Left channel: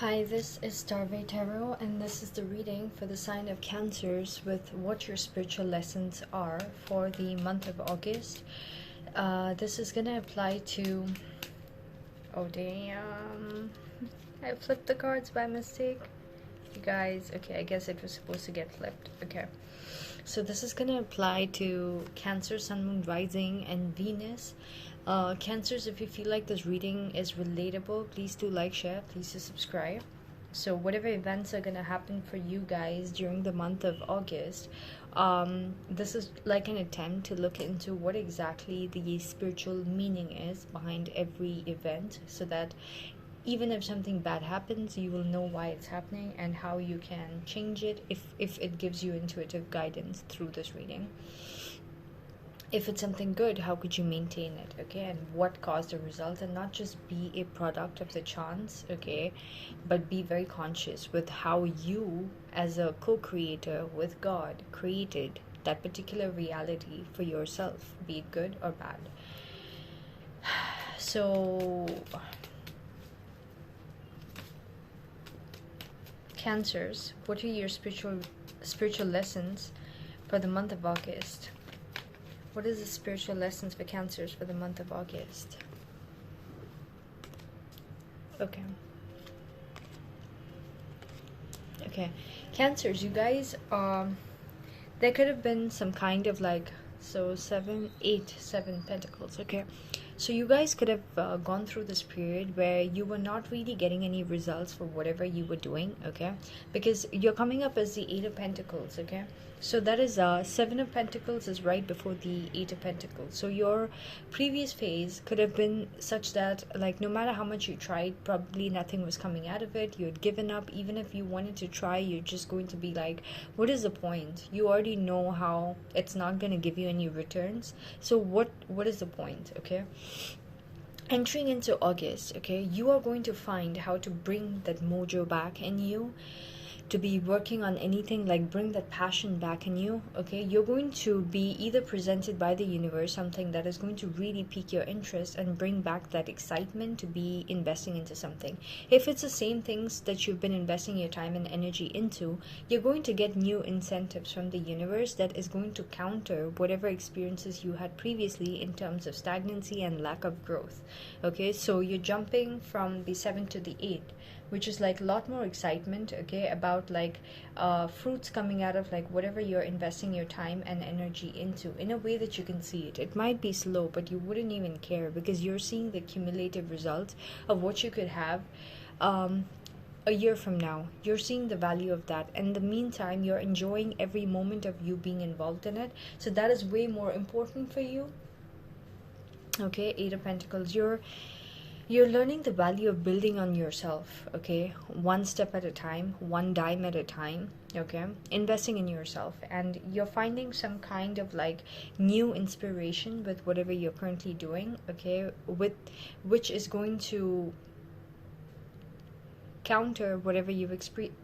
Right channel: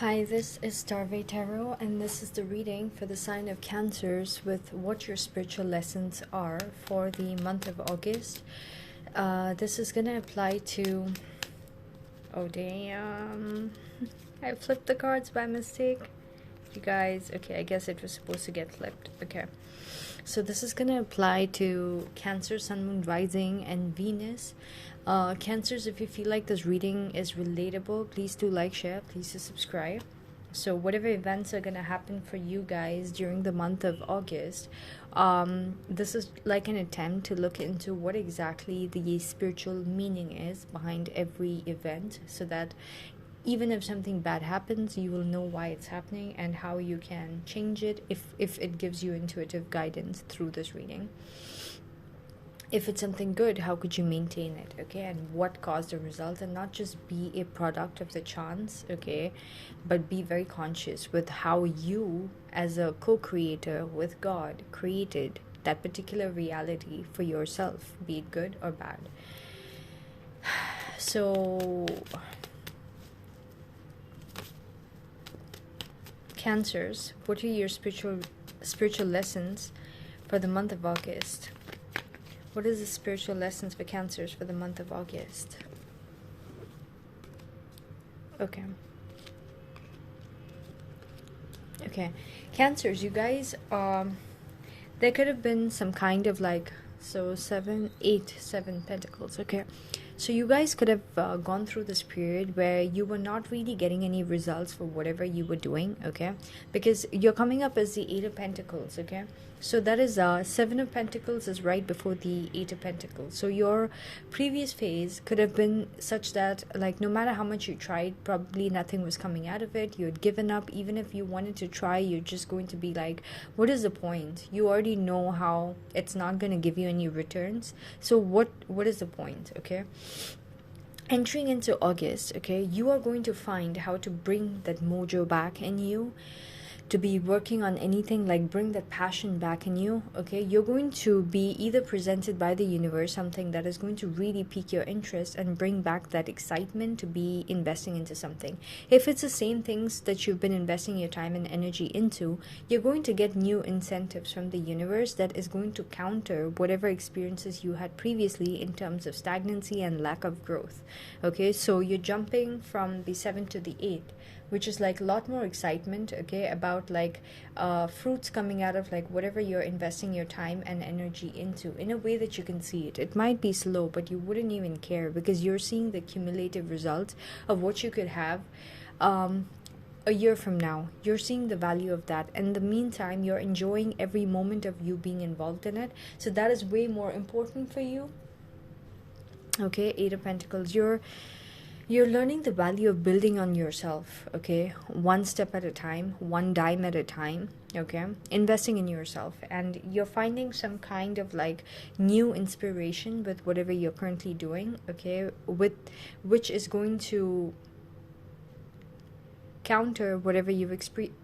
Hi, this is Starve Tarot, and this is the reading for the sign of Cancers with what your spiritual lessons are for the month of August. This is going to apply to... Oh, damn. I flipped the cards by mistake. You guys, okay, I guess it was supposed to get flipped. Okay. So this is going to apply to Cancer, Sun, Moon, Rising, and Venus. Cancers, if you feel like this reading is relatable, please do like, share, please do subscribe. So whatever events are going to happen for you guys during the month of August, this is like an attempt to look into what exactly the spiritual meaning is behind every event, so that even if something bad happens, you will know why it's happening and how you can change it if it gives you intuitive guidance through this reading. If it's something good, how could you maintain it, okay, and what caused the result, and not just be a product of the chance, okay, but be very conscious with how you as a co-creator with God created that particular reality for yourself, be it good or bad. So Cancers, what are your spiritual lessons for the month of August? What is the spiritual lessons for Cancers for the month of August? Okay. Okay. Cancers, you guys, there could have been some kind of like, so 7 Pentacles, okay. So you guys could have gone through this period where you were not really getting any results for whatever you were doing, okay, because you're coming up as the 8 of Pentacles, okay. So that is 7 of Pentacles is right before the 8 of Pentacles. So your previous phase could have been such that, like, no matter how much you tried, probably nothing was coming out of it. You had given up. Even if you wanted to try, you're just going to be like, what is the point? You already know how it's not going to give you any returns. So what is the point, okay? Entering into August, okay, you are going to find how to bring that mojo back in you, to be working on anything, like bring that passion back in you, okay. You're going to be either presented by the universe something that is going to really pique your interest and bring back that excitement to be investing into something. If it's the same things that you've been investing your time and energy into, you're going to get new incentives from the universe that is going to counter whatever experiences you had previously in terms of stagnancy and lack of growth, okay. So you're jumping from the 7 to the 8, which is like a lot more excitement, okay, about like fruits coming out of like whatever you're investing your time and energy into, in a way that you can see it. It might be slow, but you wouldn't even care, because you're seeing the cumulative results of what you could have a year from now. You're seeing the value of that. In the meantime, you're enjoying every moment of you being involved in it. So that is way more important for you, okay. 8 of Pentacles, you're learning the value of building on yourself, okay, one step at a time, one dime at a time, okay, investing in yourself. And you're finding some kind of like new inspiration with whatever you're currently doing, okay, with which is going to counter whatever you've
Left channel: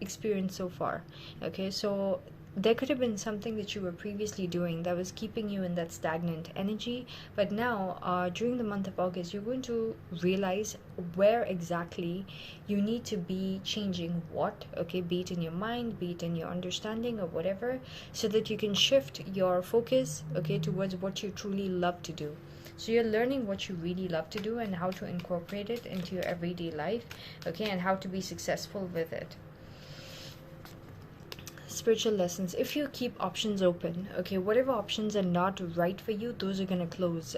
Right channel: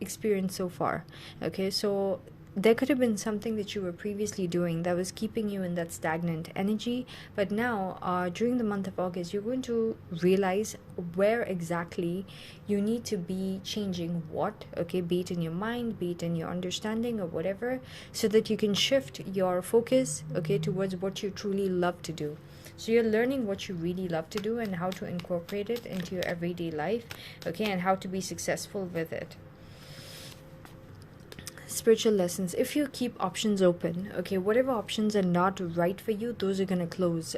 experienced so far, okay. So there could have been something that you were previously doing that was keeping you in that stagnant energy, but now during the month of August, you're going to realize where exactly you need to be changing what, okay, be it in your mind, be it in your understanding or whatever, so that you can shift your focus, okay, towards what you truly love to do. So you're learning what you really love to do and how to incorporate it into your everyday life, okay, and how to be successful with it. Spiritual lessons, if you keep options open, okay, whatever options are not right for you, those are going to close,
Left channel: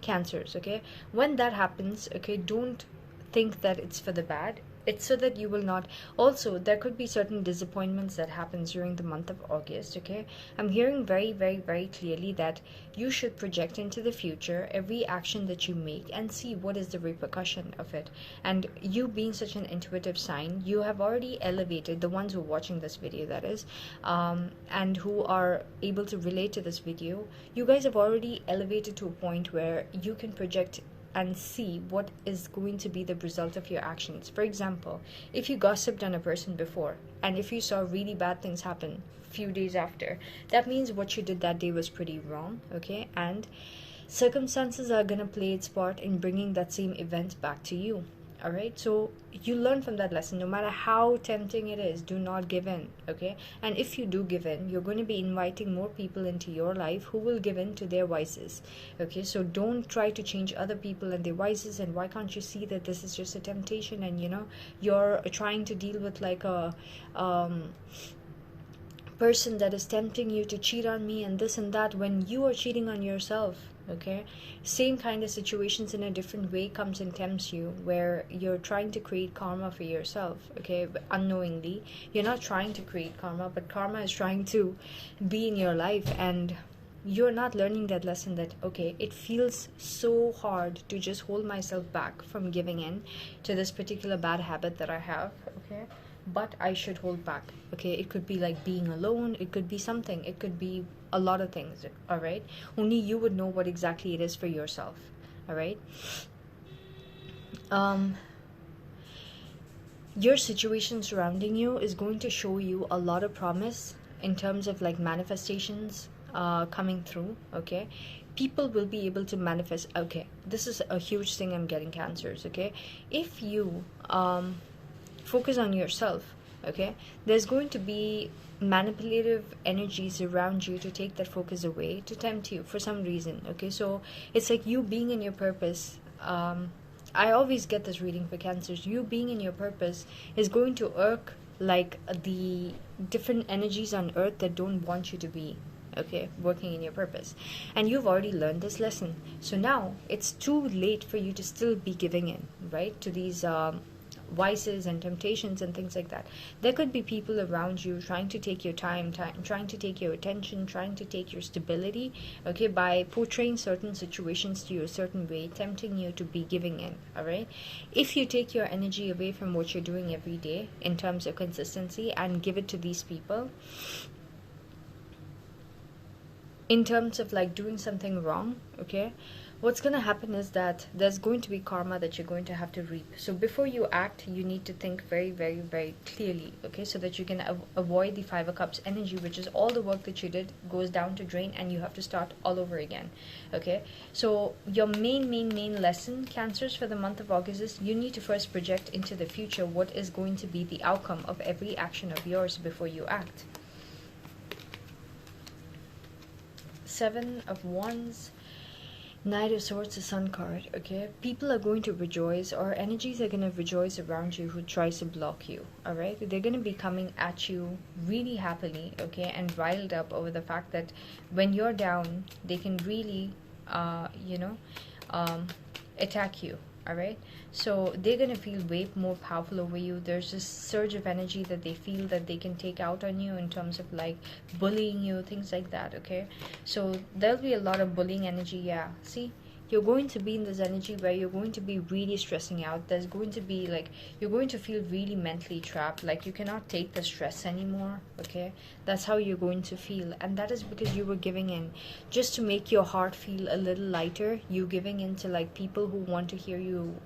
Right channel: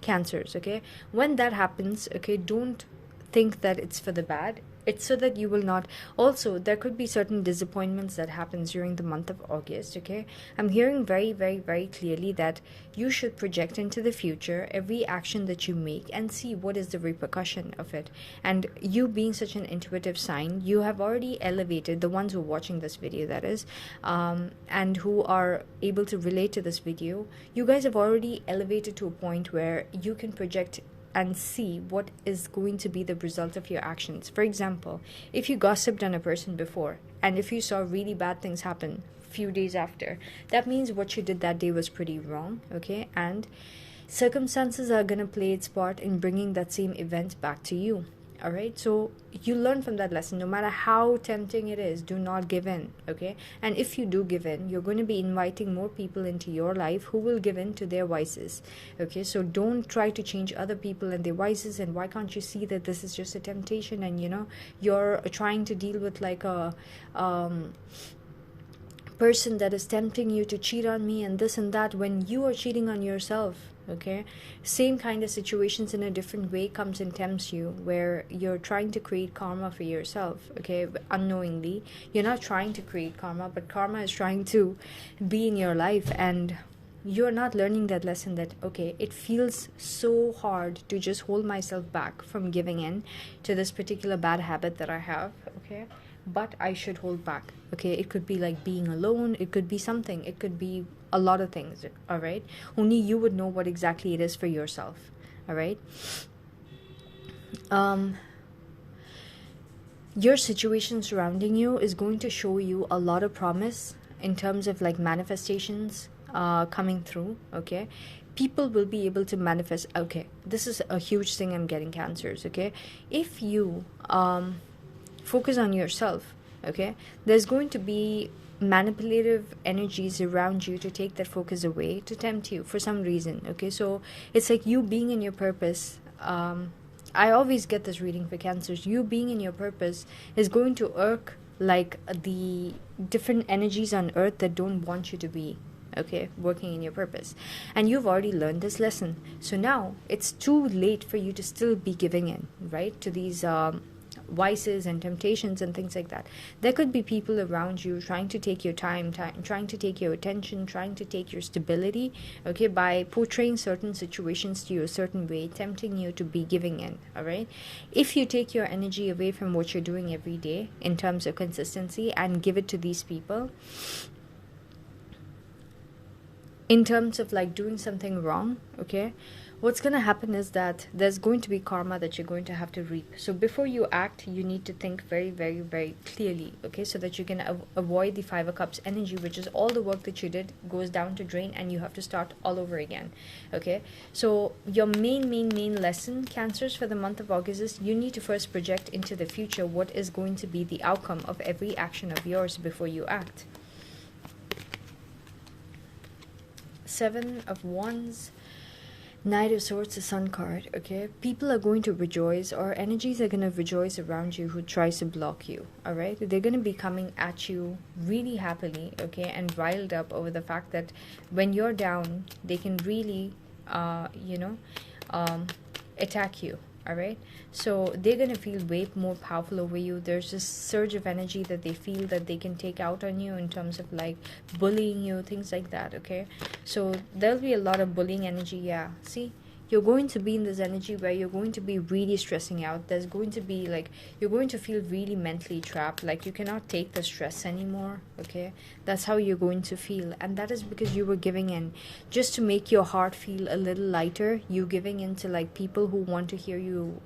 Cancers, okay. When that happens, okay, don't think that it's for the bad. It's so that you will not, also there could be certain disappointments that happens during the month of August, okay. I'm hearing very, very, very clearly that you should project into the future every action that you make and see what is the repercussion of it. And you being such an intuitive sign, you have already elevated, the ones who are watching this video, that is, and who are able to relate to this video, you guys have already elevated to a point where you can project and see what is going to be the result of your actions. For example, if you gossiped on a person before, and if you saw really bad things happen a few days after, that means what you did that day was pretty wrong, okay. And circumstances are going to play its part in bringing that same event back to you. All right, so you learn from that lesson. No matter how tempting it is, do not give in. Okay, and if you do give in, you're going to be inviting more people into your life who will give in to their vices. Okay, so don't try to change other people and their vices. And why can't you see that this is just a temptation, and you're trying to deal with like a person that is tempting you to cheat on me and this and that, when you are cheating on yourself. Okay, same kind of situations in a different way comes and tempts you, where you're trying to create karma for yourself. Okay, but unknowingly you're not trying to create karma, but karma is trying to be in your life, and you're not learning that lesson that, okay, it feels so hard to just hold myself back from giving in to this particular bad habit that I have. Okay, but I should hold back. Okay, it could be like being alone, it could be something, it could be a lot of things. All right, only you would know what exactly it is for yourself. All right, your situation surrounding you is going to show you a lot of promise in terms of like manifestations coming through. Okay, people will be able to manifest. Okay, this is a huge thing I'm getting, Cancers. Okay, if you focus on yourself, okay, there's going to be manipulative energies around you to take that focus away, to tempt you for some reason. Okay, so it's like you being in your purpose. I always get this reading for Cancers. You being in your purpose is going to irk like the different energies on earth that don't want you to be, okay, working in your purpose. And you've already learned this lesson, so now it's too late for you to still be giving in, right, to these vices and temptations and things like that. There could be people around you trying to take your time, trying to take your attention, trying to take your stability, okay, by portraying certain situations to you a certain way, tempting you to be giving in. All right, if you take your energy away from what you're doing every day in terms of consistency and give it to these people in terms of like doing something wrong, okay, what's going to happen is that there's going to be karma that you're going to have to reap. So before you act, you need to think very, very, very clearly, okay, so that you can avoid the Five of Cups energy, which is all the work that you did goes down to drain and you have to start all over again. Okay, so your main lesson, Cancers, for the month of August is you need to first project into the future what is going to be the outcome of every action of yours before you act. Seven of Wands, Knight of Swords, the Sun card. Okay, people are going to rejoice, or energies are going to rejoice around you who tries to block you. All right, they're going to be coming at you really happily, okay, and riled up over the fact that when you're down, they can really attack you. All right, so they're going to feel way more powerful over you. There's this surge of energy that they feel that they can take out on you in terms of like bullying you, things like that. Okay, so there'll be a lot of bullying energy. Yeah, see, you're going to be in this energy where you're going to be really stressing out. There's going to be like, you're going to feel really mentally trapped, like you cannot take the stress anymore. Okay, that's how you're going to feel, and that is because you were giving in just to make your heart feel a little lighter. You giving in to like people who want to hear you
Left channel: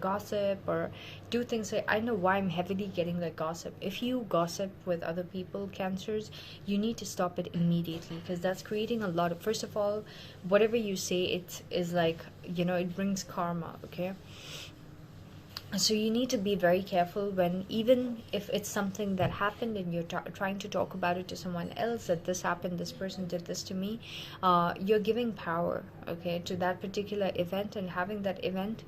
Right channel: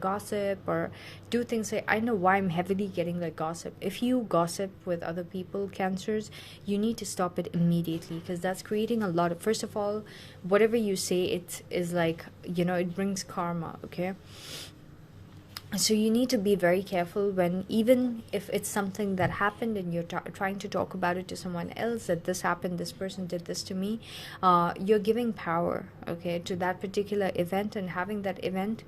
gossip or do things. Like, I know why I'm heavily getting like gossip. If you gossip with other people, Cancers, you need to stop it immediately, because that's creating a lot of, first of all, whatever you say, it is like, it brings karma. Okay, so you need to be very careful when, even if it's something that happened and you're trying to talk about it to someone else, that this happened, this person did this to me, you're giving power, okay, to that particular event, and having that event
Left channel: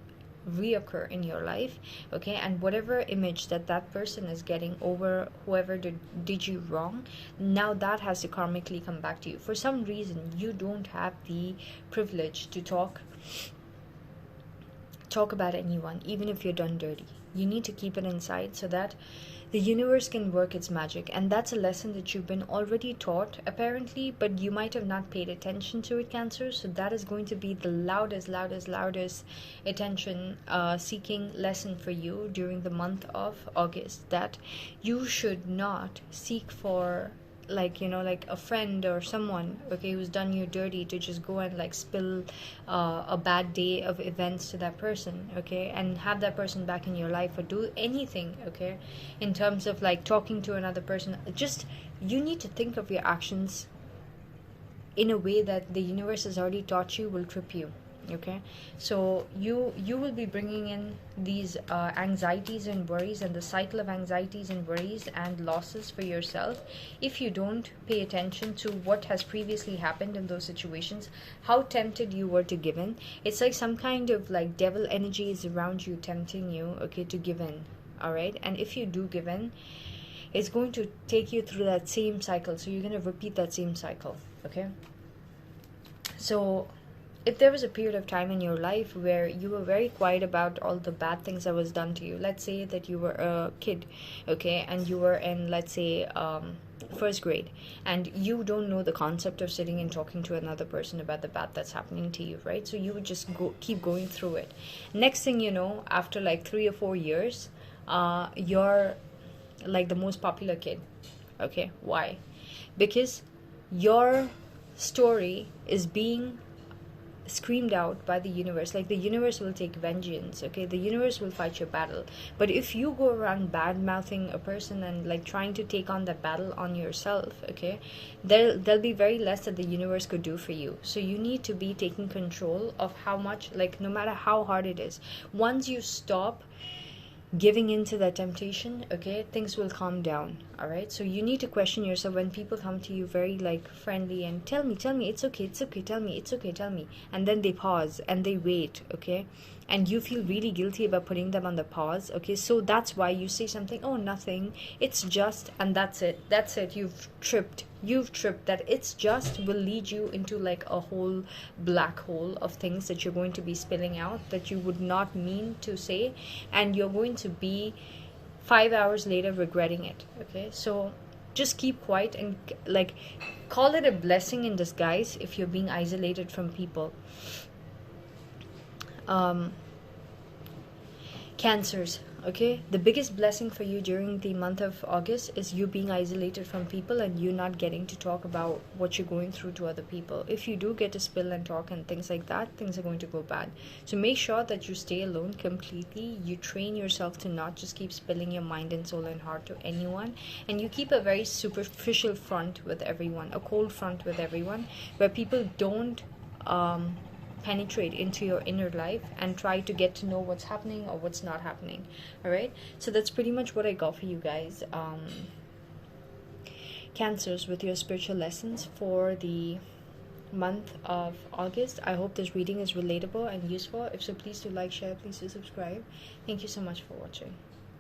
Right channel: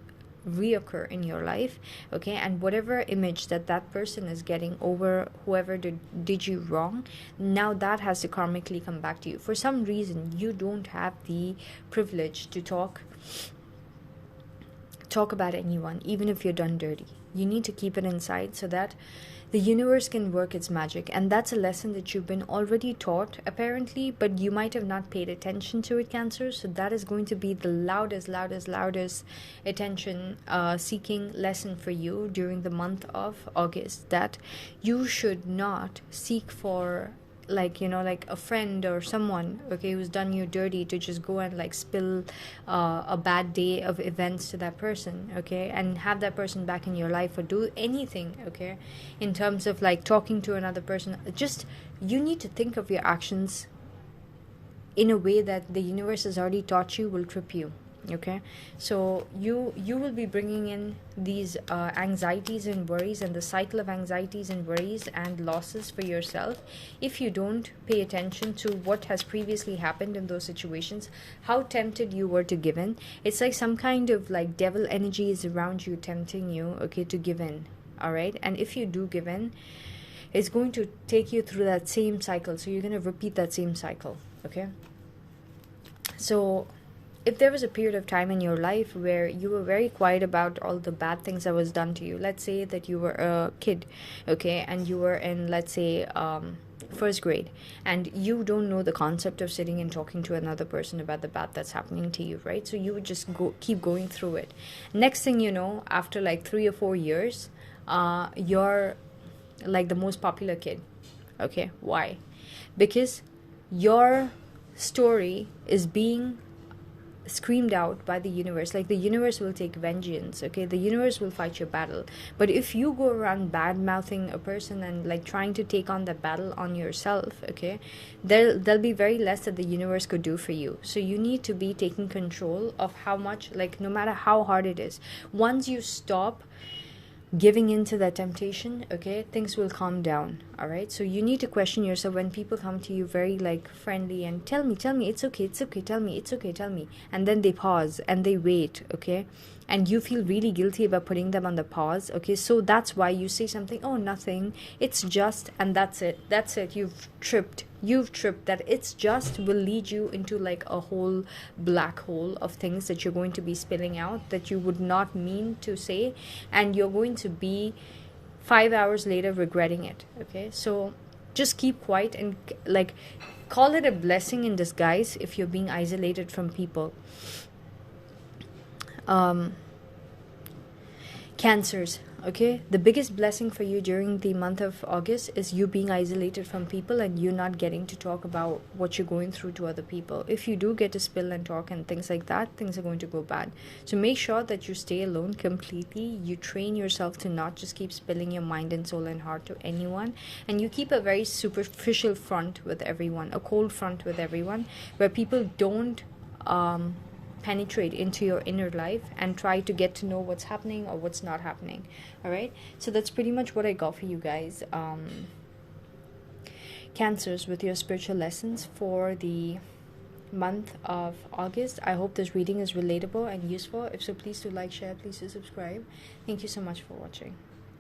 reoccur in your life. Okay, and whatever image that that person is getting over whoever did you wrong, now that has to karmically come back to you. For some reason, you don't have the privilege to talk about anyone, even if you're done dirty. You need to keep it inside so that the universe can work its magic. And that's a lesson that you've been already taught, apparently, but you might have not paid attention to it, Cancer. So that is going to be the loudest attention seeking lesson for you during the month of August, that you should not seek for like a friend or someone, okay, who's done you dirty, to just go and like spill a bad day of events to that person, okay, and have that person back in your life, or do anything, okay, in terms of like talking to another person. Just, you need to think of your actions in a way that the universe has already taught you will trip you. Okay, so you will be bringing in these anxieties and worries, and the cycle of anxieties and worries and losses for yourself if you don't pay attention to what has previously happened in those situations, how tempted you were to give in. It's like some kind of like devil energy is around you tempting you, okay, to give in. All right, and if you do give in, it's going to take you through that same cycle, so you're going to repeat that same cycle. Okay, so if there was a period of time in your life where you were very quiet about all the bad things that was done to you, let's say that you were a kid, okay, and you were in, let's say, first grade, and you don't know the concept of sitting and talking to another person about the bad that's happening to you, right? So you would just keep going through it. Next thing you know, after like 3 or 4 years, you're like the most popular kid. Okay, why? Because your story is being screamed out by the universe. Like, the universe will take vengeance, okay, the universe will fight your battle. But if you go around bad mouthing a person and like trying to take on that battle on yourself, okay, there'll be very less that the universe could do for you. So you need to be taking control of how much, like, no matter how hard it is, once you stop giving into that temptation, okay, things will calm down. All right, so you need to question yourself when people come to you very like friendly and tell me it's okay, tell me it's okay, tell me, and then they pause and they wait, okay, and you feel really guilty about putting them on the pause. Okay, so that's why you say something, oh, nothing, it's just, and that's it, you've tripped. That it's just will lead you into like a whole black hole of things that you're going to be spilling out that you would not mean to say, and you're going to be 5 hours later regretting it. Okay, so just keep quiet and like call it a blessing in disguise if you're being isolated from people. Cancers, okay, the biggest blessing for you during the month of August is you being isolated from people and you not getting to talk about what you're going through to other people. If you do get to spill and talk and things like that, things are going to go bad. So make sure that you stay alone completely. You train yourself to not just keep spilling your mind and soul and heart to anyone, and you keep a very superficial front with everyone, a cold front with everyone, where people don't penetrate into your inner life and try to get to know what's happening or what's not happening. All right, so that's pretty much what I got for you guys, Cancers, with your spiritual lessons for the month of August. I hope this reading is relatable and useful. If so, please do like, share, please do subscribe. Thank you so much for watching.